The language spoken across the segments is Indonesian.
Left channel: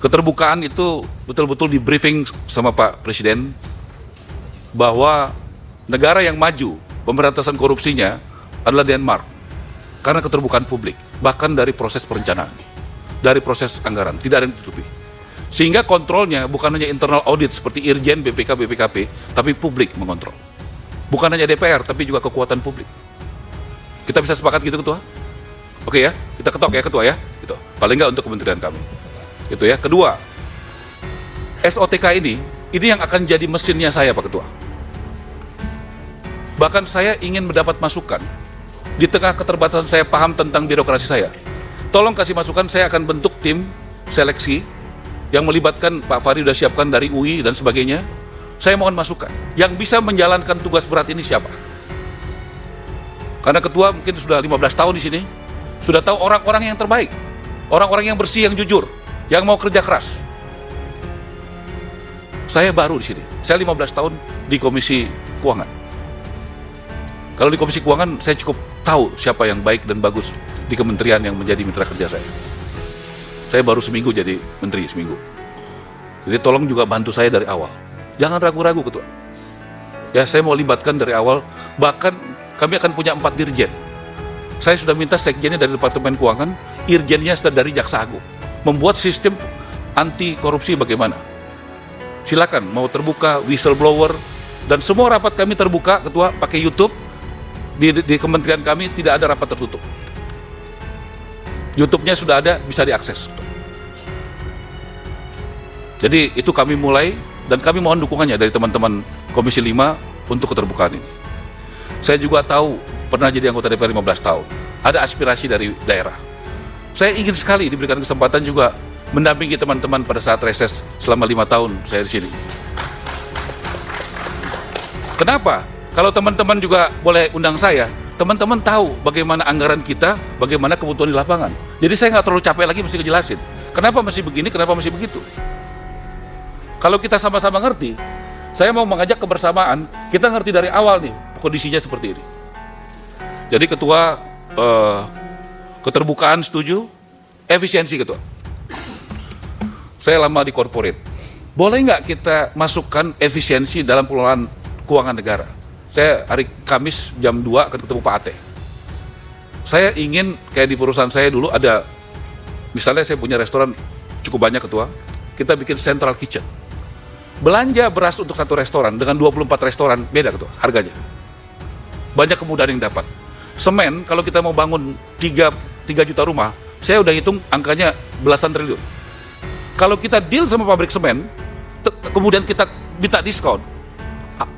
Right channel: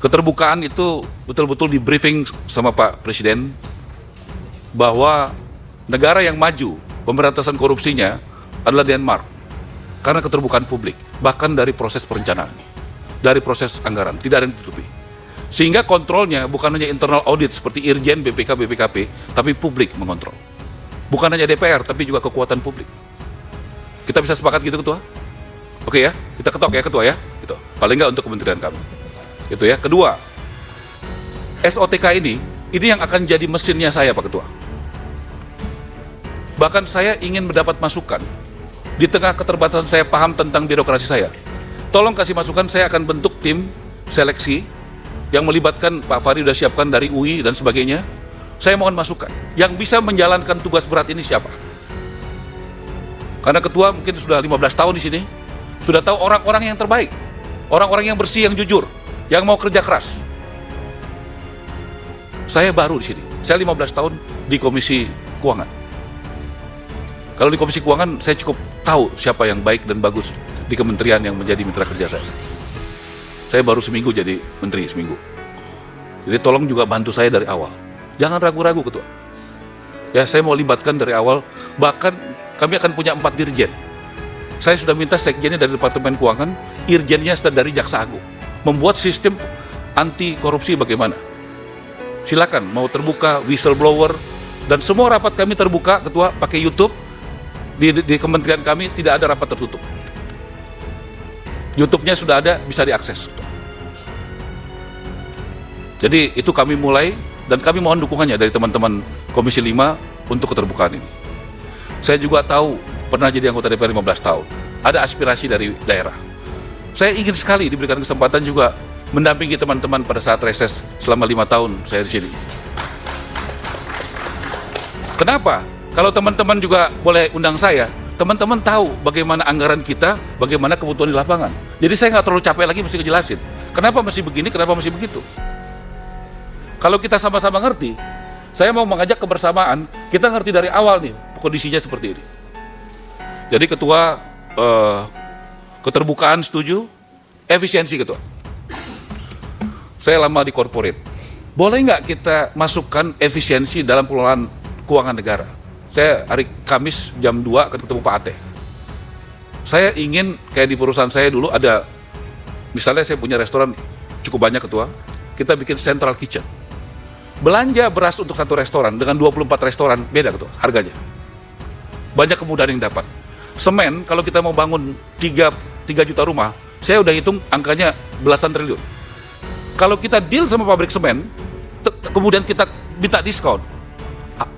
Keterbukaan itu betul-betul di briefing sama Pak Presiden bahwa negara yang maju pemberantasan korupsinya adalah Denmark karena keterbukaan publik, bahkan dari proses perencanaan, dari proses anggaran, tidak ada yang ditutupi. Sehingga kontrolnya bukan hanya internal audit seperti Irjen, BPK, BPKP, tapi publik mengontrol. Bukan hanya DPR, tapi juga kekuatan publik. Kita bisa sepakat gitu, Ketua? Oke ya, kita ketok ya, Ketua ya. Gitu. Paling nggak untuk kementerian kami. Itu ya. Kedua, SOTK ini yang akan jadi mesinnya saya, Pak Ketua. Bahkan saya ingin mendapat masukan. Di tengah keterbatasan saya paham tentang birokrasi saya. Tolong kasih masukan, saya akan bentuk tim seleksi yang melibatkan Pak Fahri sudah siapkan dari UI dan sebagainya. Saya mohon masukan. Yang bisa menjalankan tugas berat ini siapa? Karena Ketua mungkin sudah 15 tahun di sini, sudah tahu orang-orang yang terbaik, orang-orang yang bersih, yang jujur, yang mau kerja keras. Saya baru di sini. Saya 15 tahun di Komisi Keuangan. Kalau di Komisi Keuangan, saya cukup tahu siapa yang baik dan bagus di kementerian yang menjadi mitra kerja saya. Saya baru seminggu jadi menteri, seminggu. Jadi tolong juga bantu saya dari awal. Jangan ragu-ragu, Ketua. Ya, saya mau libatkan dari awal. Bahkan kami akan punya 4 dirjen. Saya sudah minta sekjennya dari Departemen Keuangan, irjennya dari Jaksa Agung. Membuat sistem anti korupsi bagaimana. Silakan, mau terbuka, whistleblower, dan semua rapat kami terbuka, Ketua, pakai YouTube. Di kementerian kami tidak ada rapat tertutup. YouTube-nya sudah ada, bisa diakses. Jadi itu kami mulai, dan kami mohon dukungannya dari teman-teman Komisi 5 untuk keterbukaan ini. Saya juga tahu, pernah jadi anggota DPR 15 tahun, ada aspirasi dari daerah. Saya ingin sekali diberikan kesempatan juga mendampingi teman-teman pada saat reses selama 5 tahun saya di sini. Kenapa? Kalau teman-teman juga boleh undang saya, teman-teman tahu bagaimana anggaran kita, bagaimana kebutuhan di lapangan. Jadi saya nggak terlalu capek lagi mesti ngejelasin. Kenapa mesti begini, kenapa mesti begitu. Kalau kita sama-sama ngerti, saya mau mengajak kebersamaan, kita ngerti dari awal nih, kondisinya seperti ini. Jadi Ketua, keterbukaan setuju, efisiensi Ketua. Saya lama di corporate. Boleh nggak kita masukkan efisiensi dalam pengelolaan keuangan negara? Saya hari Kamis jam 2 ketemu Pak Ate. Saya ingin kayak di perusahaan saya dulu ada, misalnya saya punya restoran cukup banyak Ketua, kita bikin central kitchen. Belanja beras untuk satu restoran dengan 24 restoran beda Ketua harganya. Banyak kemudahan yang dapat. Semen kalau kita mau bangun 3 juta rumah, saya udah hitung angkanya belasan triliun. Kalau kita deal sama pabrik semen, kemudian kita minta diskon,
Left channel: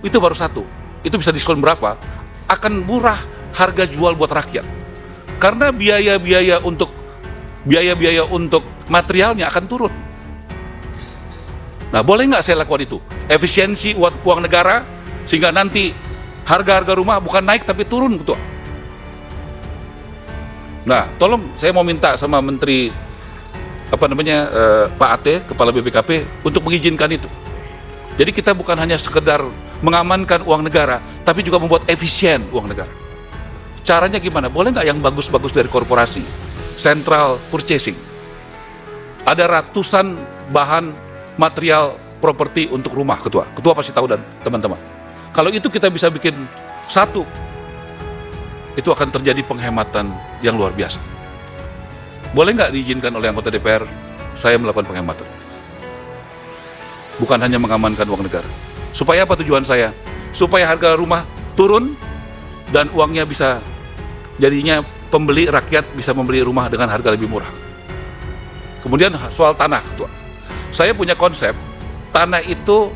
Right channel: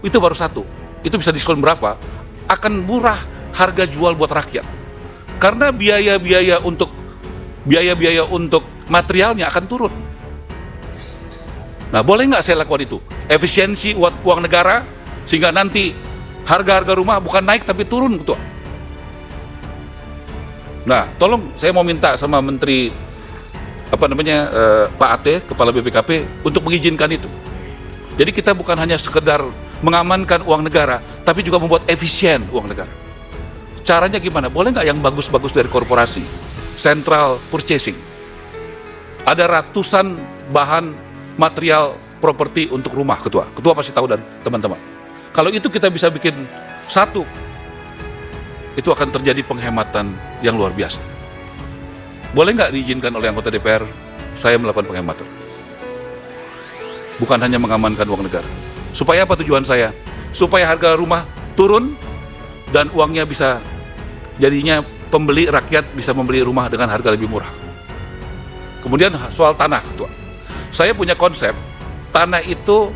itu baru satu. Itu bisa diskon berapa? Akan murah harga jual buat rakyat. Karena biaya-biaya untuk materialnya akan turun. Nah, boleh nggak saya lakukan itu? Efisiensi uang negara, sehingga nanti harga-harga rumah bukan naik tapi turun, Ketua. Nah, tolong saya mau minta sama Menteri Pak Ate, Kepala BPKP, untuk mengizinkan itu. Jadi kita bukan hanya sekedar mengamankan uang negara, tapi juga membuat efisien uang negara. Caranya gimana? Boleh nggak yang bagus-bagus dari korporasi? Central purchasing. Ada ratusan bahan material properti untuk rumah, Ketua. Ketua pasti tahu dan teman-teman. Kalau itu kita bisa bikin satu, itu akan terjadi penghematan yang luar biasa. Boleh nggak diizinkan oleh anggota DPR saya melakukan penghematan? Bukan hanya mengamankan uang negara. Supaya apa tujuan saya? Supaya harga rumah turun dan uangnya bisa, jadinya pembeli rakyat bisa membeli rumah dengan harga lebih murah. Kemudian soal tanah, Ketua. Saya punya konsep, tanah itu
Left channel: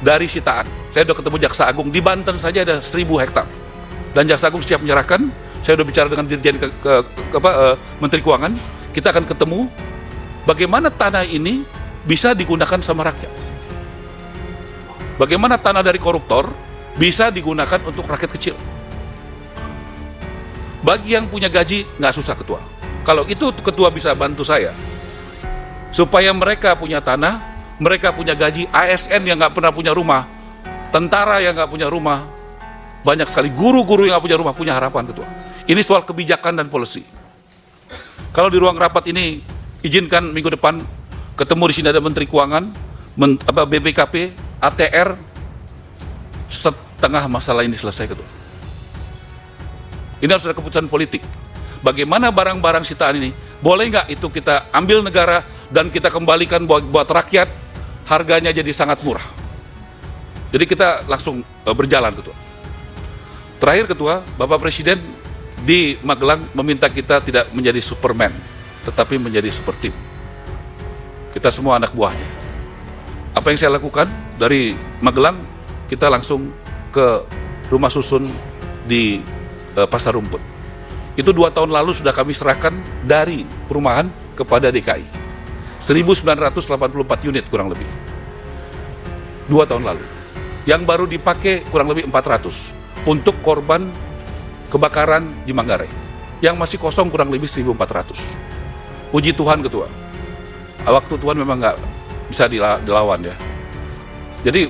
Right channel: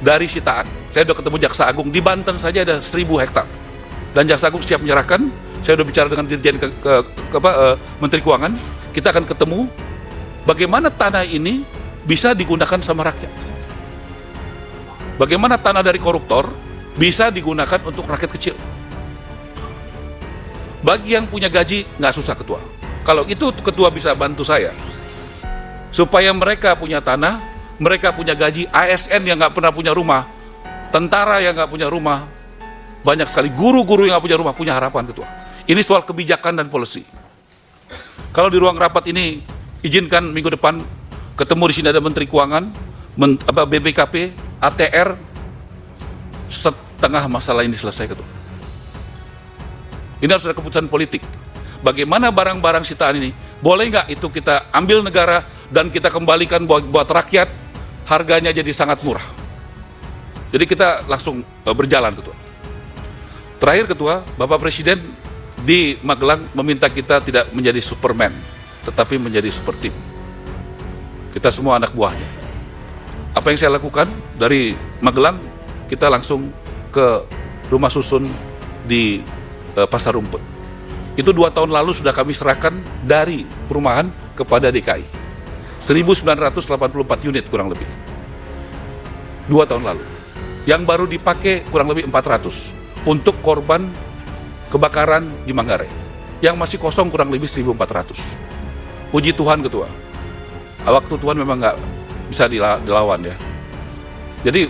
dari sitaan. Saya udah ketemu Jaksa Agung, di Banten saja ada 1.000 hektar. Dan Jaksa Agung siap menyerahkan, saya udah bicara dengan Dirjen Menteri Keuangan, kita akan ketemu bagaimana tanah ini bisa digunakan sama rakyat. Bagaimana tanah dari koruptor bisa digunakan untuk rakyat kecil. Bagi yang punya gaji, nggak susah Ketua. Kalau itu Ketua bisa bantu saya, supaya mereka punya tanah, mereka punya gaji, ASN yang nggak pernah punya rumah, tentara yang nggak punya rumah, banyak sekali guru-guru yang nggak punya rumah, punya harapan Ketua. Ini soal kebijakan dan policy. Kalau di ruang rapat ini, izinkan minggu depan ketemu di sini ada Menteri Keuangan, BPKP, ATR, setengah masalah ini selesai ketua. Ini harus ada keputusan politik. Bagaimana barang-barang sitaan ini, boleh nggak itu kita ambil negara dan kita kembalikan buat rakyat, harganya jadi sangat murah. Jadi kita langsung berjalan ketua. Terakhir ketua, Bapak Presiden di Magelang meminta kita tidak menjadi Superman, tapi menjadi seperti kita semua anak buahnya. Apa yang saya lakukan dari Magelang, kita langsung ke rumah susun di Pasar Rumput. Itu 2 tahun lalu sudah kami serahkan dari perumahan kepada DKI. 1984 unit kurang lebih. 2 tahun lalu. Yang baru dipakai kurang lebih 400 untuk korban kebakaran di Manggarai. Yang masih kosong kurang lebih 1.400. Puji Tuhan ketua. Waktu Tuhan memang nggak bisa dilawan ya. Jadi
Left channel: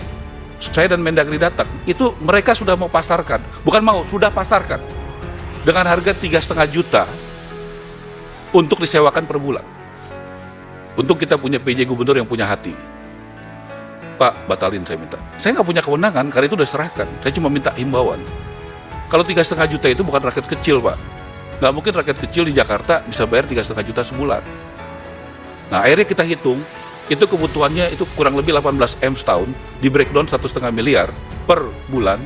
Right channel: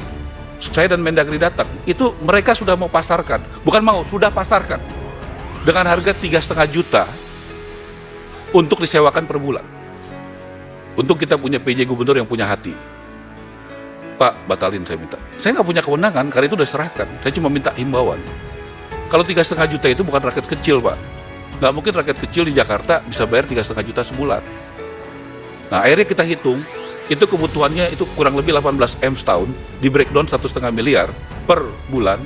saya dan Mendagri datang, itu mereka sudah mau pasarkan. Bukan mau, sudah pasarkan. Dengan harga 3,5 juta untuk disewakan per bulan. Untuk kita punya PJ Gubernur yang punya hati. Pak, batalin saya minta. Saya nggak punya kewenangan, karena itu udah serahkan. Saya cuma minta himbauan. Kalau 3,5 juta itu bukan rakyat kecil, Pak. Nggak mungkin rakyat kecil di Jakarta bisa bayar 3,5 juta sebulan. Nah, akhirnya kita hitung. Itu kebutuhannya itu kurang lebih 18 M setahun. Di breakdown 1,5 miliar per bulan.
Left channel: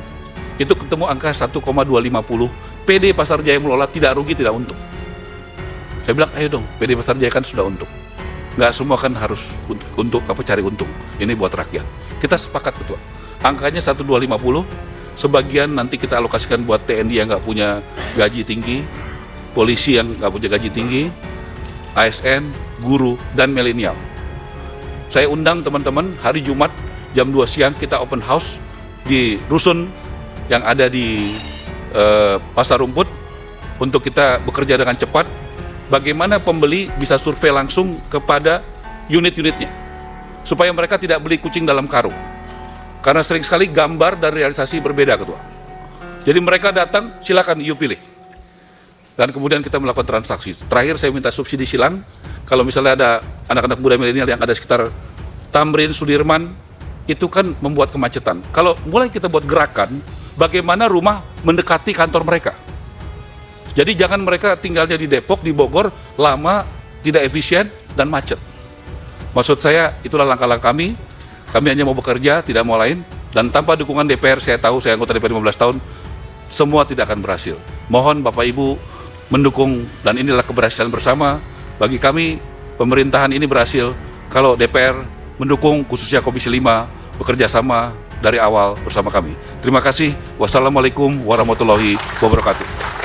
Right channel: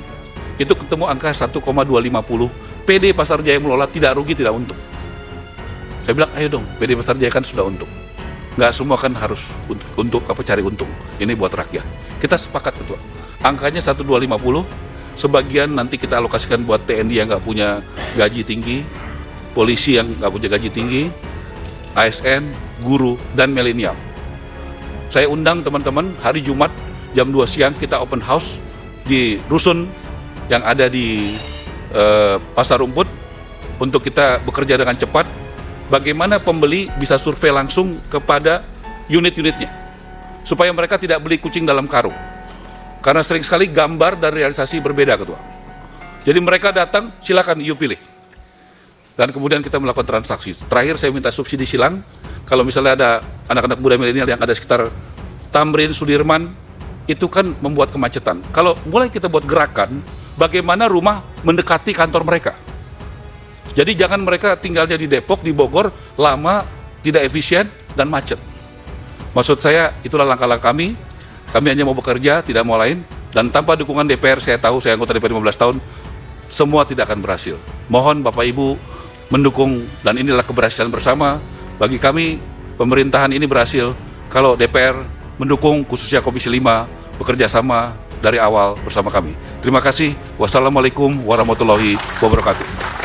Itu ketemu angka 1,250. PD Pasar Jaya mengelola tidak rugi, tidak untung. Saya bilang, ayo dong, PD Pasar Jaya kan sudah untung. Nggak semua kan harus untuk cari untung. Ini buat rakyat. Kita sepakat ketua. Angkanya 1,250. Sebagian nanti kita alokasikan buat TNI yang nggak punya gaji tinggi, polisi yang nggak punya gaji tinggi, ASN, guru, dan milenial. Saya undang teman-teman hari Jumat jam 2 siang kita open house di rusun yang ada di Pasar Rumput untuk kita bekerja dengan cepat. Bagaimana pembeli bisa survei langsung kepada unit-unitnya supaya mereka tidak beli kucing dalam karung, karena sering sekali gambar dan realisasi berbeda ketua. Jadi mereka datang, silakan you pilih, dan kemudian kita melakukan transaksi. Terakhir saya minta subsidi silang. Kalau misalnya ada anak-anak muda milenial yang ada sekitar Tamrin, Sudirman, itu kan membuat kemacetan. Kalau mulai kita buat gerakan, bagaimana rumah mendekati kantor mereka. Jadi jangan mereka tinggalnya di Depok, di Bogor, lama, tidak efisien, dan macet. Maksud saya, itulah langkah-langkah kami. Kami hanya mau bekerja, tidak mau lain. Dan tanpa dukungan DPR, saya tahu, saya anggota DPR 15 tahun, semua tidak akan berhasil. Mohon Bapak Ibu mendukung, dan inilah keberhasilan bersama. Bagi kami, pemerintahan ini berhasil kalau DPR mendukung, khususnya Komisi 5, bekerja sama dari awal bersama kami. Terima kasih. Wassalamualaikum warahmatullahi wabarakatuh.